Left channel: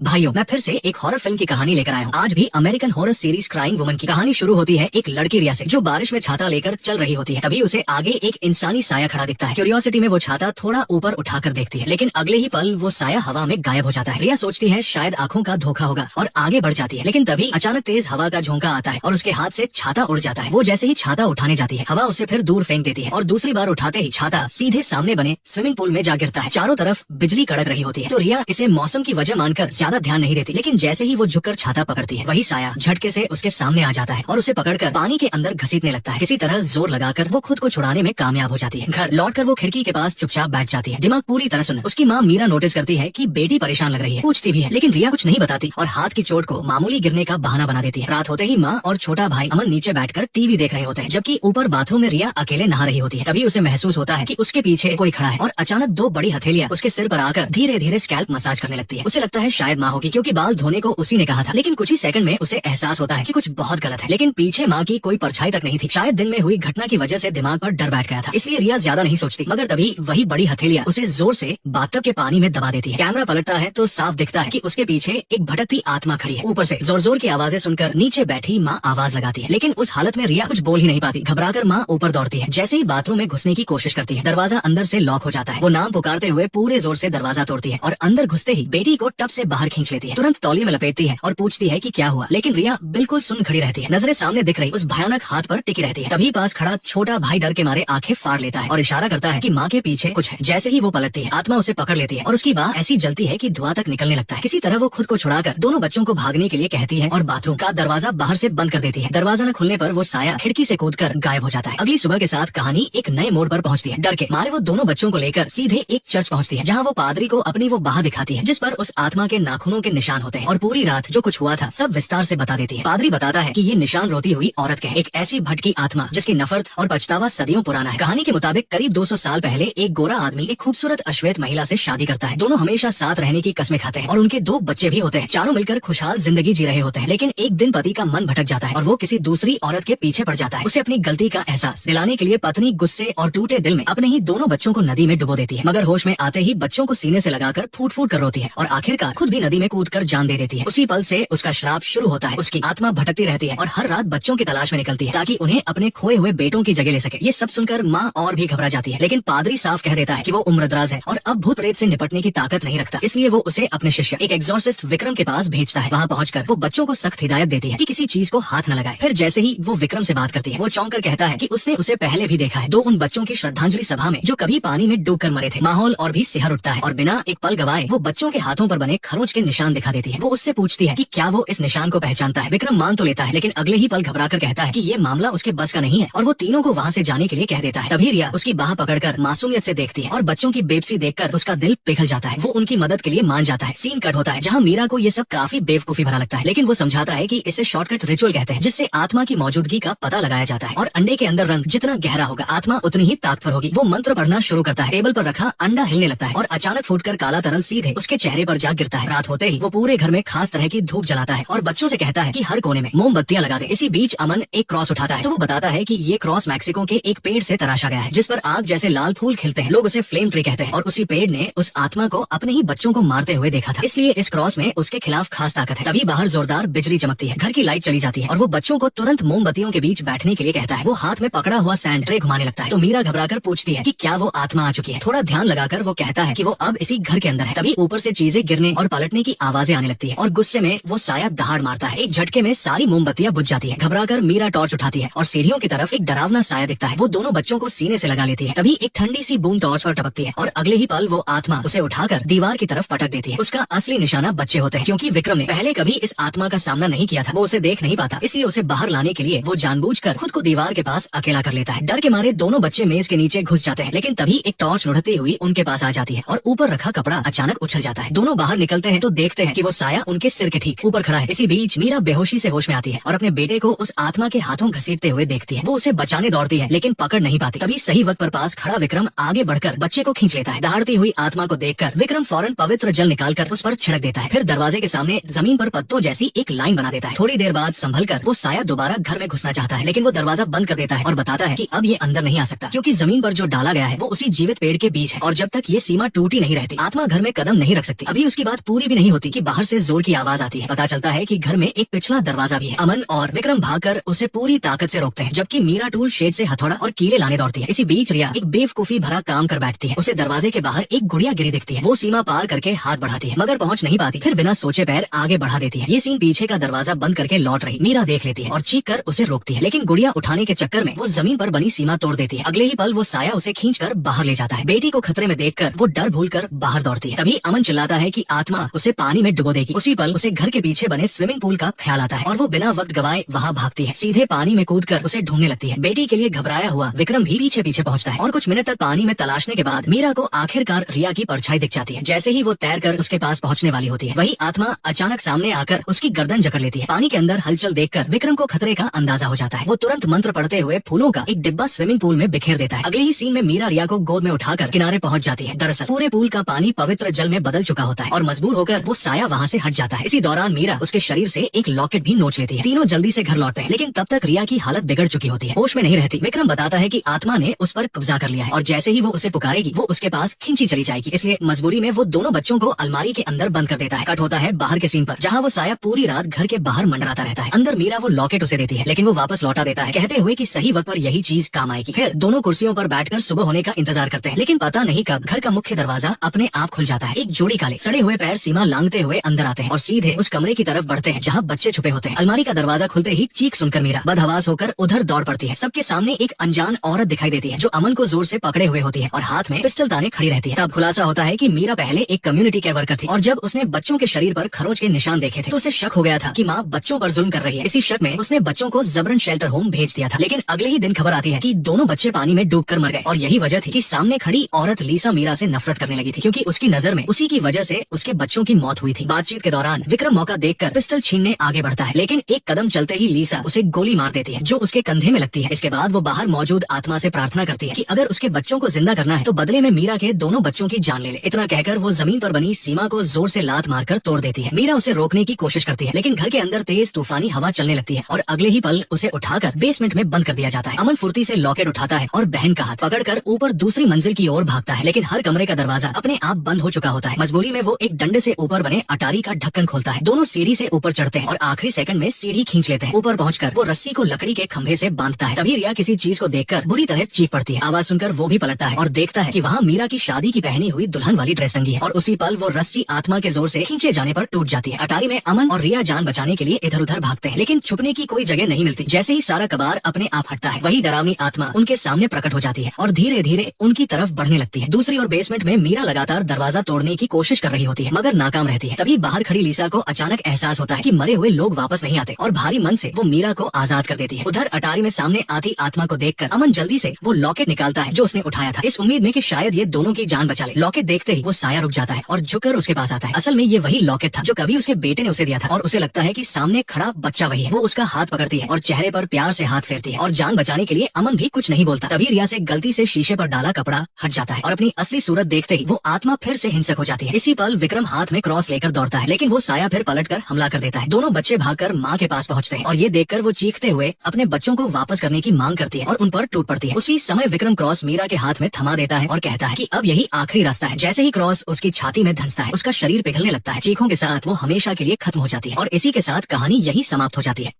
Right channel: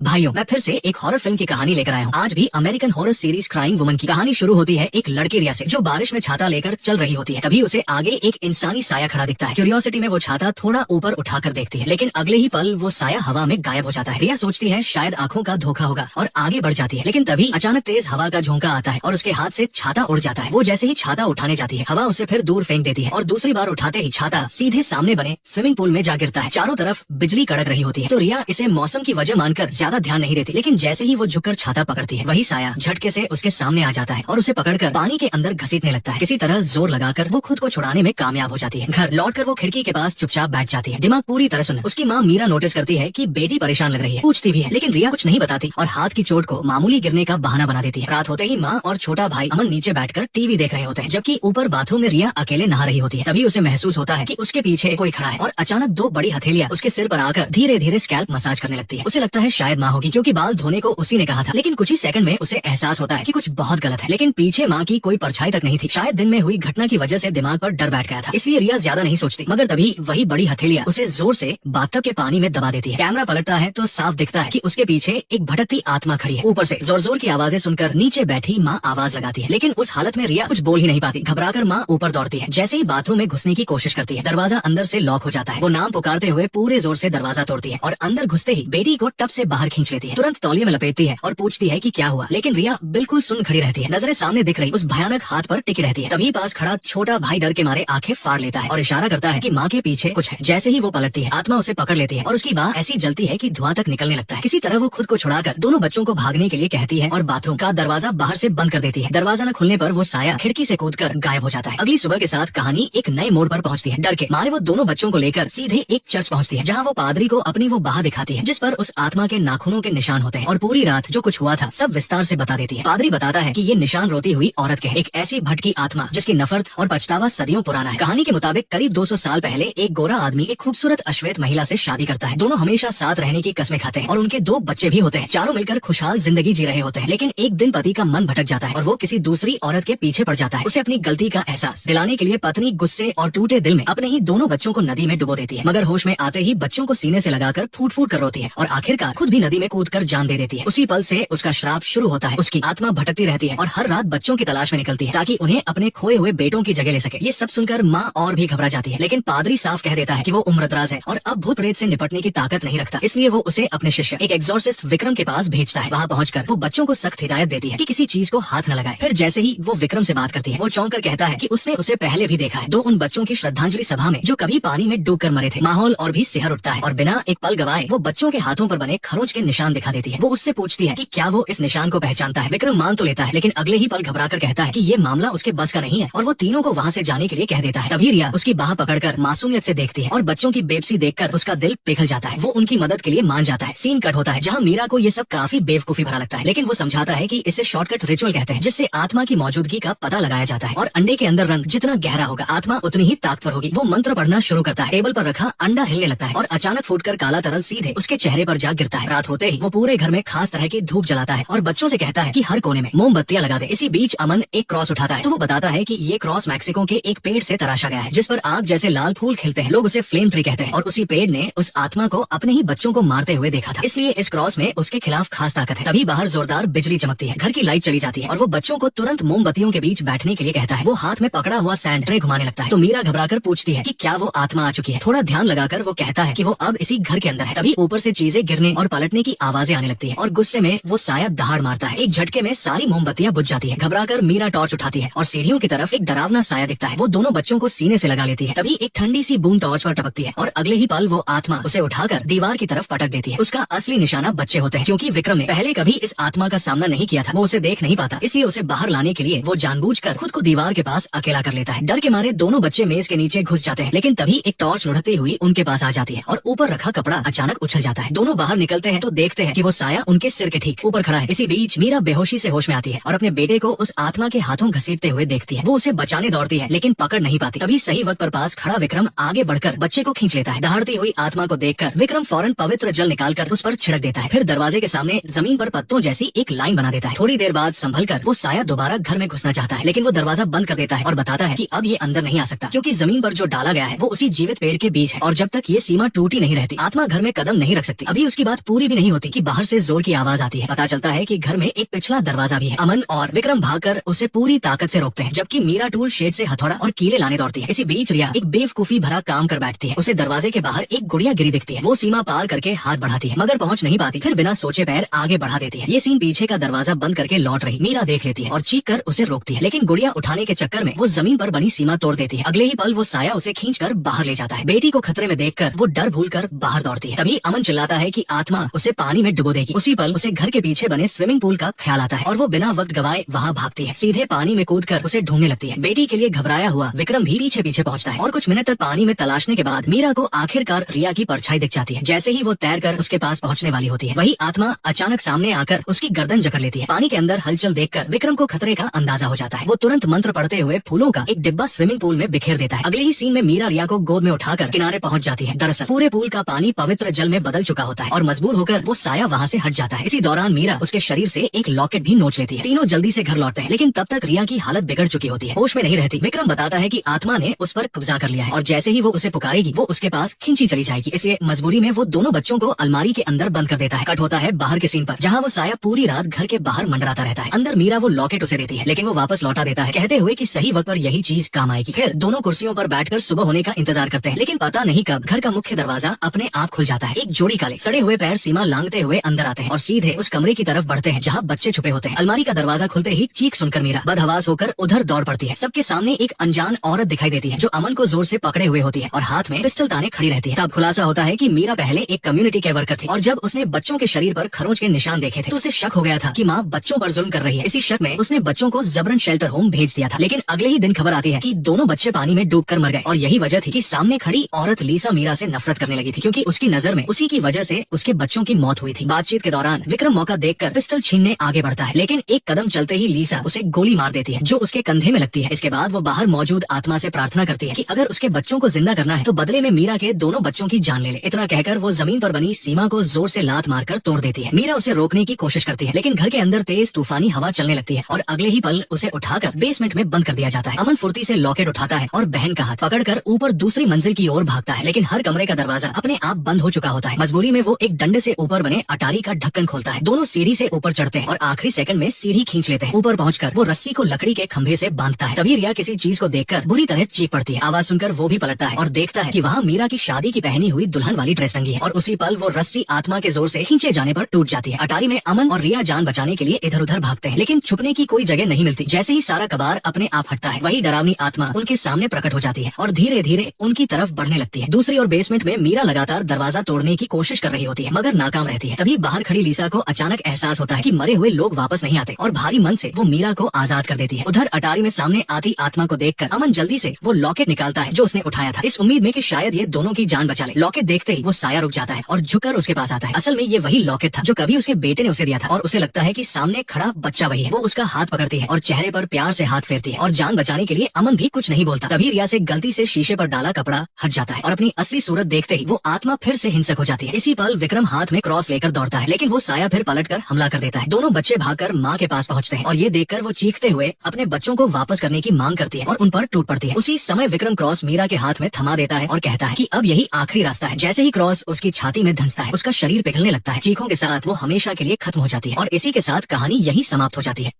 भाइयों, मैं फिर से एक हॉरर फिल्म की कहानी लेकर आया हूँ। आज भी American horror series crying woman की कहानी शुरू होती है एक लड़की रिया से, जो बारिश में छाता लेकर चल रही होती है। तभी उसे आगे एक इंसानी साया खड़ा दिखता है। क्यूरियोसिटी में वो छाता थोड़ा ऊपर उठाकर देखती है, लेकिन अगले ही पल वो साया हवा में गायब हो जाता है। रिया सोचती है शायद आंखों का धोखा होगा और आगे बढ़ जाती है, लेकिन तभी अचानक तेज हवा का झोंका आता है और उसके हाथ से छाता उड़ जाता है। वो जैसे ही छाता उठाने जाती है, हवा उसे फिर दूर फेंक देती है और दूसरी बार उठाते ही छाता सीधे सामने बने स्विमिंग पूल में जा गिरता है। चारों तरफ बिजली कड़क रही होती है, तो रिया इसे मौसम की वजह मानकर ज्यादा ध्यान नहीं देती, लेकिन जैसे ही वो झुककर छाता पकड़ती है, वही साया झटके से उसके सामने आ जाता है और उसे पकड़कर पानी के अंदर घसीटने लगता है। किसी तरह जोर लगाकर वो खुद को छुड़ाने में कामयाब हो जाती है। घर लौटकर वो खिड़की के पास चुपचाप बैठ जाती है, दिमाग पूरी तरह सुन्न। उसकी माँ मीरा नोटिस करती है कि बेटी परेशान लग रही है, पूछती भी है, लेकिन रिया कुछ नहीं बताती और हाथ की चोट को मामूली गिरने का बहाना बना देती है। रात होते ही माँ और छोटा भाई अमन नीचे बैठकर टीवी देख रहे होते हैं, जबकि ऊपर बाथरूम में रिया अकेले नहा रही होती है। तभी उसे महसूस होता है कि उसके पीछे कोई खड़ा है और अचानक दो बड़ी हथेलियां उसके सिर पर आकर धीरे धीरे स्कैल्प मसाज करने लगती है। उसे लगता है शायद माँ होगी, क्योंकि बाल धोने को उसी ने कहा था। लेकिन कुछ ही सेकंड में उसे एहसास होता है कि कुछ बहुत गलत है, लेकिन पीछे माँ की कोई परछाई तक नहीं थी। शायद दिन में हुई घटना की वजह से दिमाग पर डर बैठ गया था, इसलिए रिया ज्यादा नहीं सोचती। मगर तभी वही बड़ी हथेलियां उसे जोर से बाथटब के पानी में दबा देती है। कैमरा पलटता है तो साफ दिखता है कि उसके पीछे एक भटकती आत्मा खड़ी है। ऊपर से जोर जोर की आवाजें सुनकर नीचे बैठी माँ आवाज लगाती है, लेकिन उस हालत में रिया कुछ बोल ही नहीं पाती। घबराकर माँ ऊपर दौड़ती है। जैसे ही बाथरूम में घुसने की कोशिश करती है, दरवाजा अंदर से लॉक हो जाता है। वो नाम पुकारते हुए पूरे जोर से दरवाजा तोड़ती है और अंदर घुसते ही बेटी को टब से बाहर खींच लेती है। तुरंत तौलिए में लपेटती है और पूछती है कि क्या हुआ, लेकिन रिया बिल्कुल सुन खड़ी रहती है। नजरें सामने दिख रही उस भयानक हाथ पर टिकी रहती है। तभी पास खड़ा छोटा भाई डर के मारे आंखें फाड़ लेता है और इशारा करता है कि माँ के पीछे कुछ है। जैसे ही वो पलटती है, आत्मा उसे पकड़ लेती है और उसकी बाह ऐसी जलती है कि धुआं तक निकलने लगता है। किसी तरह वो खुद को छुड़ाकर दोनों बच्चों को भागने के लिए कहती है और बाथरूम का दरवाजा बाहर से बंद कर देती है। दरवाजा न खुलने पर वो साया खिड़की से कूदकर गायब हो जाता है। अगली सुबह के साथ कहानी एक नए मोड़ पर पहुंचती है। डर के मारे वो दोनों बच्चों को लेकर सीधे एक चर्च पहुंचती है, जहाँ वो पादरी को अपनी वो बाह दिखाती है, जिस पर उस आत्मा के नाखूनों के निशान होते हैं, और पूरी रात जो कुछ हुआ था सब विस्तार से बता देती है। पादरी बताता है कि ये निशान रोती हुई औरत के, एक ऐसी भटकी आत्मा जिसकी नफरत और पछतावा सदियों पुराना है। कहानी के मुताबिक करीब 200 साल पहले एक गोरा आदमी एक खूबसूरत अश्वेत महिला से शादी करता है। दोनों हमेशा साथ रहने की कस्में खाते हैं और उनके 2 बच्चे भी होते हैं। चारों मिलकर खुशहाल जिंदगी जी रहे होते हैं, लेकिन एक दिन पति का मन भटक जाता है और वो किसी दूसरी औरत के पीछे पड़ जाता है। उसे अपनी गलती का एहसास दिलाने के लिए पत्नी गुस्से और टूटे दिल में अपने ही दोनों बच्चों को नदी में डुबो देती है, मगर होश में आते ही बच्चों को सीने से लगाकर फूट फूट कर रोती है और आखिरकार खुद भी नदी में कूदकर जान दे देती है। उसी पल से उसका श्राप शुरू होता है। उसकी आत्मा भटकती रहती है और हर रात बच्चों की तलाश में निकलती है, ताकि उन्हें अपने खोए हुए बेटों की जगह ले सके। ये सब सुनकर माँ और भी घबरा जाती है, लेकिन पादरी साफ कह देता है कि वो उम्रदराज है और अब भूत प्रेत से निपटने की ताकत नहीं रखता, इसलिए वो उसे अपने शिष्य एक एग्जॉर्सिस्ट विक्रम के पास भेजता है। वहाँ पहुंचकर वो बच्चों को सख्त हिदायत देती है कि किसी चीज को हाथ न लगाए। फिर जैसे ही वो विक्रम से बात करती है, वो चौंक कर कहता है कि उसने उसे पहले भी देखा है, उन बच्चों की श्रद्धांजलि सभा में जो कभी पानी में डूब कर मरे थे। माहौल और भी सिहर उठता है और बिना एक पल गवाए वो बच्चों के हाथों पर बने खरोच के निशान दिखा देती है। वो उससे पूछती है कि क्या वो इस निशान को पहचानता है। विक्रम मान तो लेता है, लेकिन अगले ही पल घबरा कर कहता है कि ये मामला उसके बस का नहीं है और वो तीनों को वहाँ से जाने के लिए कह देता है। तभी रिया उसकी बाह पकड़कर मासूमियत से देखती है और बच्चों की बेबसी देखकर उसका दिल पिघल जाता है। वो उनकी मदद के लिए मान जाता है। सीन कट होता है जहाँ मीरा को ये सब काफी बेवकूफी भरा लगता है, लेकिन वो समझाता है कि इसे शॉर्टकट रिचुअल कहते हैं, जिससे आत्मा की मौजूदगी का पता लगाया जाता है और अंडे के अंदर रंग जितना गहरा होगा आत्मा उतनी ही ताकतवर होगी। वो मंत्र पढ़ना शुरू करता है। टेबल पर रखा अंडा हिलने लगता है और अचानक फूटकर काला तरल सीधे उसके चेहरे पर जा गिरता है। रात होते ही वो पूरे घर में खास तरह की धूप जलाता है और बच्चों से कहता है कि हर कोने में मोमबत्तियां लगा दे। इसी बीच अमन एक क्रॉस उठाता है, तो वो बताता है कि ये क्रॉस मैक्सिको के एक पेड़ से तराशा गया है, जिस पर आग जैसे लाल फूल खिलते हैं। लोग उसे फ्लेम ट्री कहते हैं और उसी पेड़ ने उस आत्मा को अपने ही बच्चों को मारते हुए देखा था, इसलिए इस क्रॉस में उसके खिलाफ खास ताकत है। तभी बाहर जोरदार बिजली चमकती है, घर की लाइट चली जाती है और वो बच्चों को तुरंत मोमबत्तियों के बीच बैठने के लिए कहता है। वो हाथ में पकड़ा हुआ सैंड ट्रे घुमाने लगता है, तो मीरा घबराकर पूछती है कि क्या वो आत्मा आ चुकी है। थोड़ा ध्यान लगाकर वो कहता है कि वो अब इसी घर के अंदर है। तभी ऊपर से चीजें गिरने और पलटने की आवाजें आने लगती है और गुस्से में वो साया दहाड़ मारता है। एक झटके में सारी मोमबत्तियां बुझ जाती है। घबराकर मीरा टॉर्च उठाती है और सीढ़ियों की तरफ एक डरावना साया दिखता है। वो दोनों बच्चों को सीने से लगा लेती है। तभी एक ठंडी सी बूंद टॉर्च पर टपकती है और अगले ही पल वो आत्मा उसे उठाकर दीवार की तरफ पटक देती है। उसका असली निशाना बच्चे होते हैं, क्योंकि विक्रम ने पहले कभी इस आत्मा का सामना नहीं किया था। वो उसे देख नहीं पाता, इसलिए उसे बाहर लाने के लिए वो जानबूझकर खुद को दीवार के पास अकेला कर लेता है। डर के मारे दोनों बच्चे मेज के नीचे घुस जाते हैं, लेकिन तभी एक टॉर्च लुढ़कती हुई उनके पास आ जाती है और ऊपर रखा कपड़ा अचानक उछल जाता है। दोनों बाहर निकलते हैं तो देखते हैं कि वो साया उनके सिर के ठीक ऊपर खड़ा है। इसी बीच मीरा बेहोशी से होश में आती है और अपने बेटे को उस आत्मा के हाथों घसीटते हुए देखती है। वो उसे बचाने दौड़ती है, लेकिन पकड़ नहीं पाती। तभी सही वक्त पर पास खड़ा विक्रम आगे बढ़कर बच्चे को खींच लेता है। दहाड़ती हुई आत्मा को देखकर विक्रम फौरन पवित्र जल निकालकर उस पर छिड़क देता है। फिर दरवाजे के सामने जमीन पर पत्तों जैसी एक लाइन बना देता है। थोड़ी देर बाद संभल कर वो साया दोबारा घर में घुसना चाहता है, लेकिन वो दरवाजा बंद कर देता है और बताता है कि अब ये अंदर नहीं आ सकता, क्योंकि जमीन पर जो डाला गया है वो उसी जीवित पेड़ के बीच है और जब तक ये सीमा टूटी नहीं रहती आत्मा घर में कदम नहीं रख सकती। अभी उसकी बात पूरी भी नहीं होती कि बाहर से जोर की आवाज आती है। पता चलता है कि घर में एक पिछला दरवाजा भी है। अमन और विक्रम भागकर उसे पूरी ताकत से रोकते हैं, जबकि मीरा टूल शेड से हथौड़ा और कीले लाने दौड़ती है। इसी बीच रिया एक बेवकूफी भरा काम कर बैठती है। उसे दरवाजे के बाहर एक गुड़िया गिरी दिखती है। वो सीमा पार करके हाथ बढ़ाती है मगर पहुंच नहीं पाती, फिर बिना सोचे पैर आगे बढ़ा देती है। ये सीन पीछे का दरवाजा बंद करके लौट रही मीरा देख लेती है और चीख कर उसे रोकती है, लेकिन गुड़िया उठाने के चक्कर में वो जमीन पर बनी सीमा तोड़ देती है। अगले ही पल वो साया उसे खींचकर बाहर ले जाता है। बेटी को खतरे में देखकर वो डर भूलकर बाहर दौड़ती है। तभी अमन चिल्लाता है कि आत्मा उसे पानी में डुबो देगी। उसी पल उसे घर के पीछे बने स्विमिंग पूल का ख्याल आता है और वो बिना वक्त गवाए वहाँ भागती है। सीधे पानी में कूदकर उसे ढूंढने लगती है। बेटी के लिए घबराया हुआ विक्रम भी पीछे पीछे पहुंचता है और कुछ मिनट तक पानी में तलाशने के बाद मीरा को आखिरकार रिया की परछाई दिख जाती है। जैसे ही वो तैरकर उसके पास पहुंचने वाली होती है, वही आत्मा अचानक सामने आकर उसकी गर्दन जकड़ लेती है। पानी के अंदर हलचल देखकर विक्रम को खतरे का अंदाजा हो जाता है। वो तुरंत मंत्र पढ़ते हुए फूलों का एक डिब्बा स्विमिंग पूल में बिखेर देता है। अगले ही सीन में मीरा रिया को गोद में उठाकर किनारे पहुंच जाती है। दरअसल पूरे पूल का पानी पवित्र जल में बदल चुका होता है और मजबूर होकर वो साया वहाँ से हट जाता है। इसी दौरान मीरा उसके शरीर से एक लॉकेट भी नोच लेती है। तीनों जल्दी से घर लौटते हैं, लेकिन तब तक रिया की हालत बिगड़ चुकी होती है, होश में नहीं रहती। विक्रम बताता है कि आत्मा ने उस पर कब्जा कर लिया है और जैसे ही वो उसे पुकारेगी वो उसके पास खींची चली जाएगी। इसलिए मजबूरी में वो दोनों बच्चों को अलमारी के अंदर बंद कर देता है। कट होता है बाहर के सीन पर, जहाँ वो साया पूरी रात घर के बाहर मंडराता रहता है। अंदर मीरा वो लॉकेट उसे देती है, लेकिन वो वापस लौटा देता है, कहते हुए कि सही वक्त पर यही चीज काम आएगी। फिर दोनों कुर्सियों पर बैठकर सुबह होने का इंतजार करते हैं, लेकिन पता नहीं कब घर का मुख्य दरवाजा अपने आप खुल जाता है। एक जोड़ी काले सड़े हुए पैर सीमा लांघते हुए अंदर आते हैं और सीधे उस कमरे की तरफ बढ़ते हैं जहाँ बच्चे छुपे होते हैं। अलमारी का दरवाजा खुलते ही चीख सुनकर मीरा बदहवास होकर उधर दौड़ पड़ती है। सबके सामने एक अनजान औरत दिखाई देती है जो अमन को जोर से पकड़े हुए होती है और हाथ में पिस्टल ताने खड़ी रहती है। तब खुलासा होता है कि मीरा पहले एक कम्युनिटी केयर वर्कर थी और जब उसने बच्चों के शरीर पर खरोच के निशान देखे थे तो उसे शक हो गया था कि माँ बच्चों पर जुल्म कर रही है। इसी शक में उसने बच्चों को जबरन शेल्टर होम भेज दिया था, लेकिन अगले ही दिन खबर आती है कि दोनों बच्चे पानी में डूबकर मर गए और यही वजह थी कि सामने खड़ी औरत लीसा मीरा से नफरत करने लगी थी, क्योंकि उसकी नजर में उसी की वजह से उसके बच्चों की मौत हुई थी। बातचीत के दौरान विक्रम मौका देखकर पिस्टल छीनने आगे बढ़ता है, लेकिन एक कदम चलते ही लीसा उसे गोली मार देती है जो उसके कंधे में लगती है। इसके बाद वो बाहर मौजूद आत्मा से प्रार्थना करती है कि अगर उसके बच्चों को जिंदा करना है तो बदले में मीरा के दोनों बच्चों की जान ले ले। इतना कहकर वो जमीन पर बनी सीमा को जोर से लात मारकर तोड़ देती है। मीरा उसे रोकने की कोशिश करती है, लेकिन घर के अंदर तेज तूफानी हवा चलने लगती है और अगले ही पल उसे उठाकर बेसमेंट में बंद कर दिया जाता है। अमन फुर्ती से लॉकेट उठाता है और बहन का हाथ पकड़कर ऊपर दूसरी मंजिल की ओर भागता है, लेकिन हर कमरे का दरवाजा अपने आप बंद हो चुका होता है। मजबूरी में वो एक डंडे से ऊपर बने अटारी का ढक्कन खोलता है। दोनों सीढ़ी से ऊपर चढ़ते हैं और आखिरी सेकंड में सीढ़ी खींच लेते हैं। ऊपर पहुंचकर वो रस्सी को लकड़ी के खंभे से बांधता है। तभी रिया किसी चीज को देखकर बुरी तरह चीख पड़ती है। आवाज सुनकर वो भी पलटता है और देखता है कि वहाँ मीरा की शादी की पहनी हुई दुल्हन वाली ड्रेस टंगी है और उसी पल वो रस्सी आत्मा के जोर से खींचे जाने पर टूट जाती है। अटारी में अमन और रिया जान बचाने के लिए इधर उधर भागते हैं, लेकिन छुपने की कोई जगह नहीं मिलती। जैसे ही सारा कबार अपने आप हटता है, वही डरावनी आत्मा उनके सामने प्रकट हो जाती है और धीरे धीरे उनकी तरफ बढ़ने लगती है। दूसरी ओर बेसमेंट में मीरा लगातार दरवाजा तोड़ने की कोशिश कर रही होती है, मगर नाकाम रहती है। तभी बाहर खड़ी लीसा को अचानक एहसास होता है कि मरे हुए लोग वापस नहीं आते और भारी मन से वो मीरा को आजाद कर देती है। उधर अटारी में सामने आती आत्मा को देखकर अमन जल्दी से वो लॉकेट निकालता है जो उसने उठाया था, इस उम्मीद में कि शायद ये दोनों की जान बचा ले। लॉकेट देखते ही वो साया रुक जाता है और झुककर उसके पास आता है। असल में ये वही लॉकेट था जो कभी उसके बेटे ने उसे दिया था और उसे लगता है कि सामने खड़ा बच्चा वही है। वो उसका हाथ पकड़ती है और चेहरे पर प्यार से हाथ फेरती है और जान बचाने के लिए अमन भी कुछ नहीं बोलता। तभी रिया से गलती से शीशे पर डाला कपड़ा हट जाता है और अपनी असली सूरत देखते ही वो आत्मा फिर से हिंसक हो जाती है। इसी पल विक्रम हाथ में क्रॉस लेकर दौड़ता है, लेकिन वो साया फिर पलटकर हमला कर देता है। दोनों बच्चे भागकर माँ के पास पहुँचते हैं और ये देखकर वो चीखते हुए अपने बच्चों को वापस करने की मांग करती है और उन पर टूट पड़ती है। उसी समय विक्रम क्रॉस मीरा के हाथ में थमा देता है और कहता है कि अब यही आखिरी रास्ता है। जैसे ही क्रॉस उसकी छाती में धंसता है, उसका शरीर पिघलने लगता है। चीखों के साथ वो हमेशा के लिए खत्म हो जाती है और इसी के साथ कहानी यही समाप्त हो जाती है।